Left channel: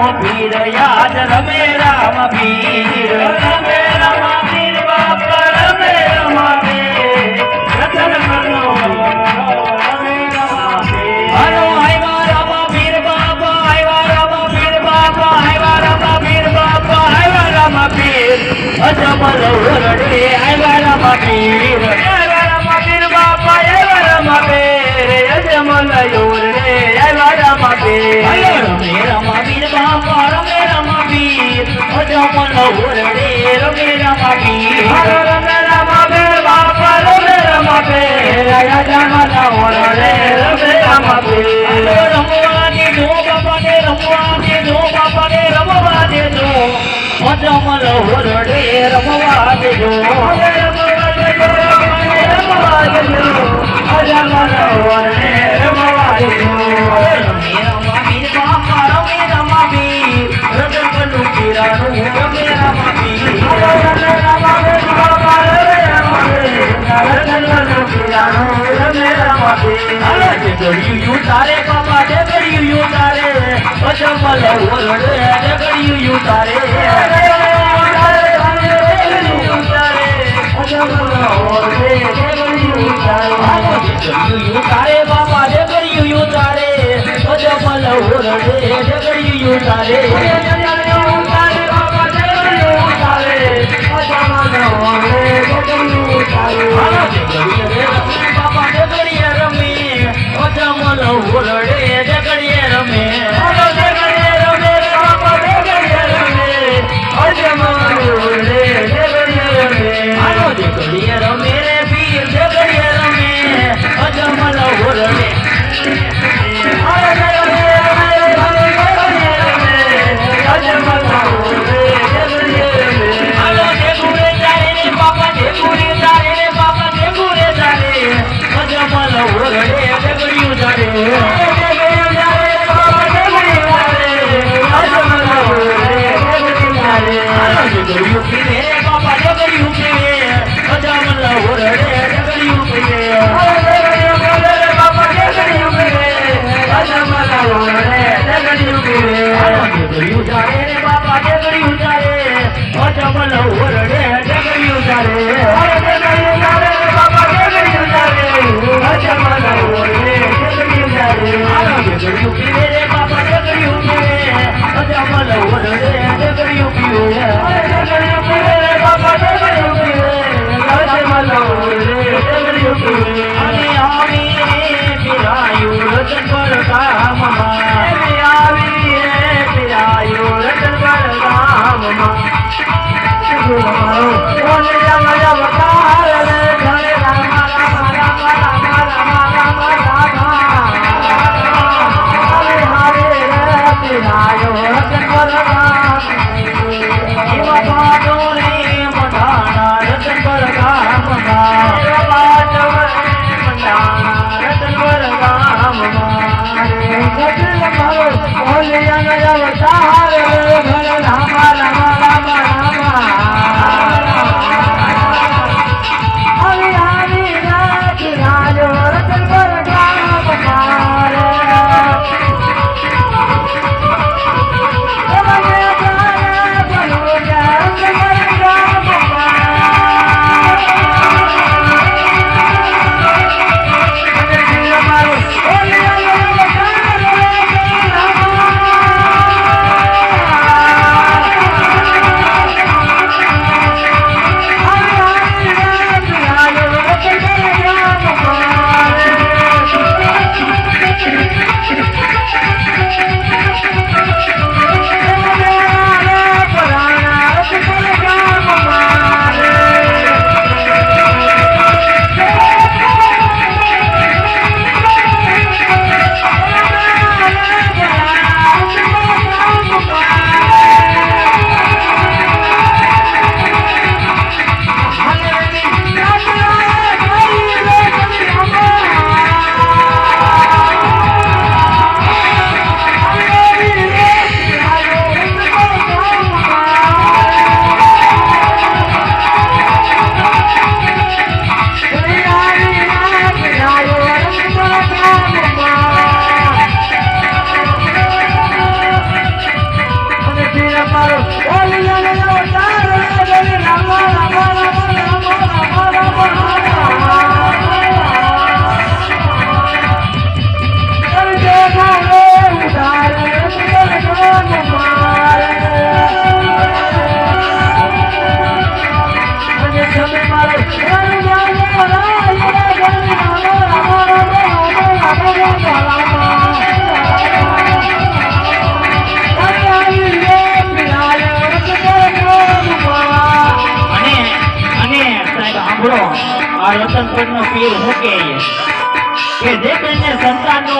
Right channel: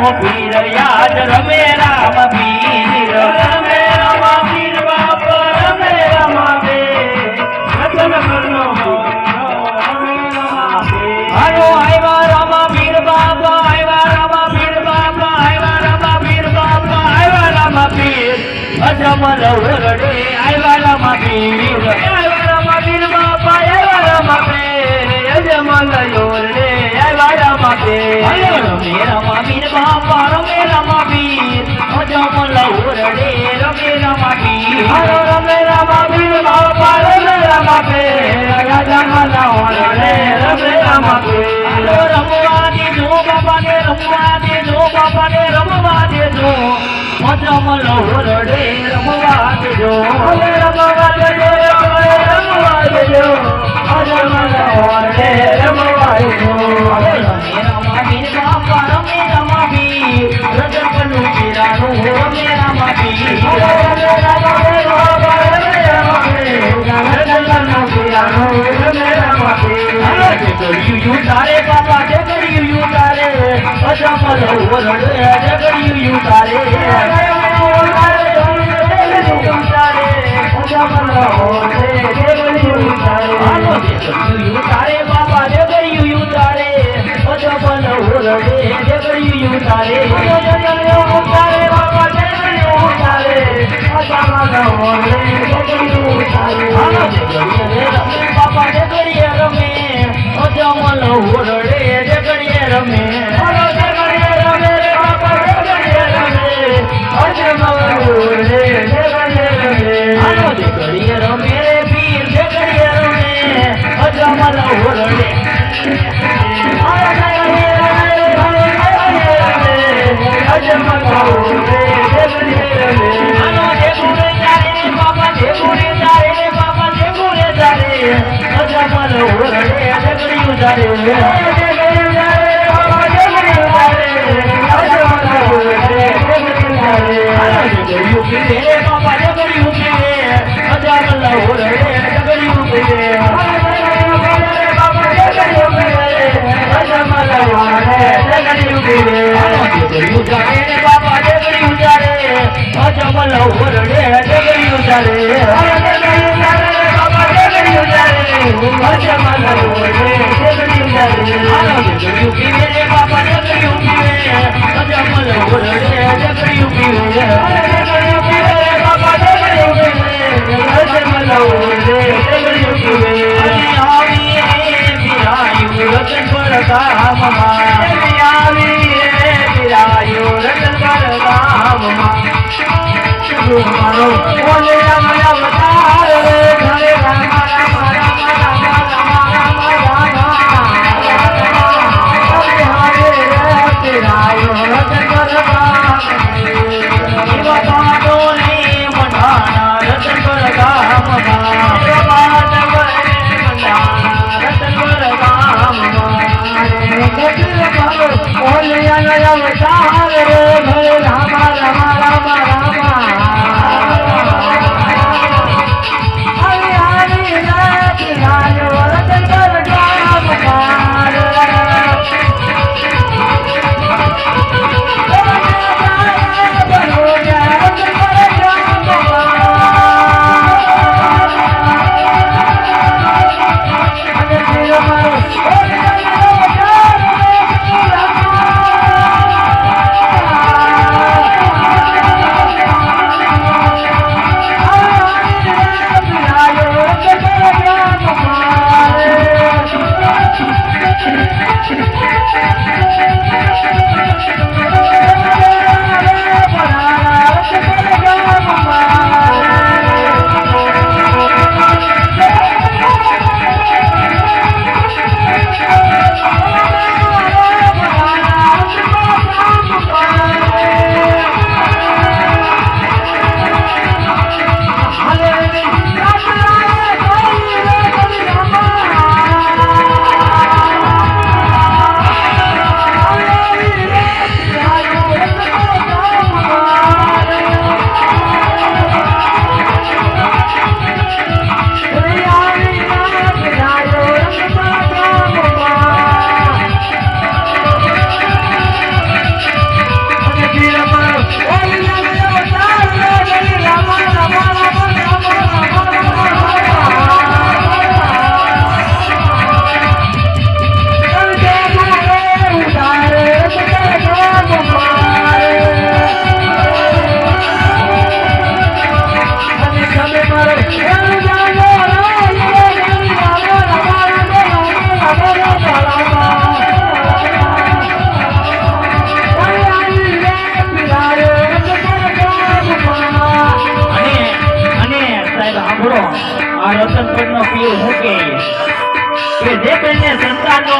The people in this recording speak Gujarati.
પીર યાદ રમે રામ પીર રમે રામ પીર બાપ રમે રામ પીર રતન મનો રમે રામ પીર હાલો આવ્યા રામ પીર બાપ આવ્યા રામ પીર બાપ આવ્યા રામ પીર બાપ આવ્યા રામ પીર અજમલ ઓરડે આવ્યા રામ પીર આવ્યા રામ પીર બાપ આવ્યા રામ પીર અજમલ ઓરડે આવ્યા રામ પીર રમે રામ પીર બાપ રમે રામ પીર અજમલ ઓરડે રમે રામ પીર રમે રામ પીર બાપ રમે રામ પીર અજમલ ઓરડે રમે રામ પીર રમવા દેજો બાપાને રમવા દેજો બાપાને રમવા દેજો અજમલ ઓરડે રમવા દેજો રમવા દેજો રમવા દેજો અજમલ ઓરડે રમવા દેજો રમે રામ પીર બાપ રમે રામ પીર રતન પન્નુ પીરાનું રમે રામ પીર રમે રામ પીર બાપ રમે રામ પીર રતન પન્નુ પીરાનું રમે રામ પીર જગડ્યું તારે બાપા જગડ્યું તારે અજમલ ઓરડે જગડ્યું તારે તારે બાપા જગડ્યું તારે અજમલ ઓરડે જગડ્યું તારે તારે બાપા જગડ્યું તારે અજમલ ઓરડે જગડ્યું તારે બાપા જગડીએ રમે અજમલ ઓરડે જગડીએ રમે બાપા જગડીએ રમે અજમલ ઓરડે જગડીએ રમે રે પીર જગડીએ રમે અજમલ ઓરડે કામ માં આવી પીરાયું રતનપુરનો પીર મૂકે કે જે કોઈને સંતાનનો